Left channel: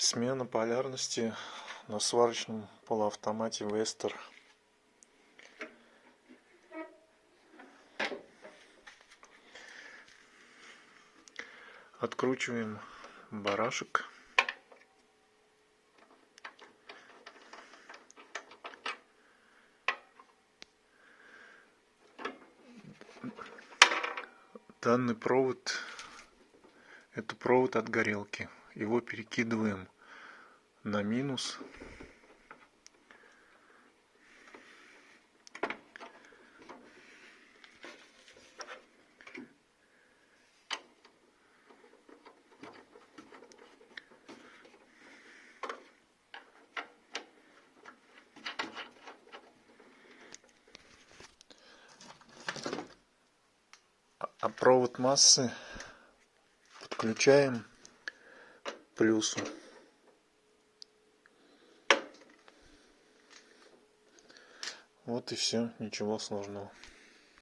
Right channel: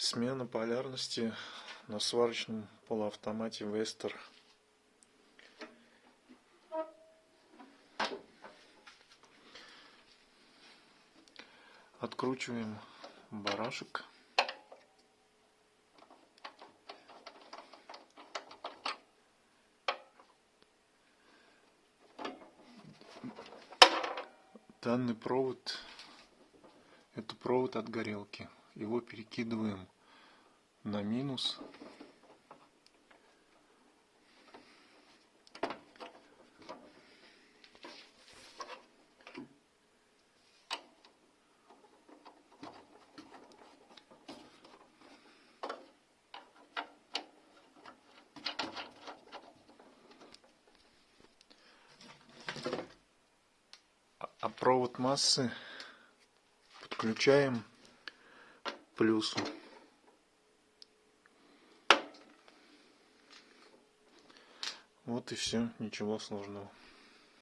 Смена полярности на сварочном полуавтомате Вестер. Откручиваем барашек. Данный провод — это провод от горелки. Его перекидываем на минус. А провод массы подключаем к плюсу. Вот и все, ничего сложного.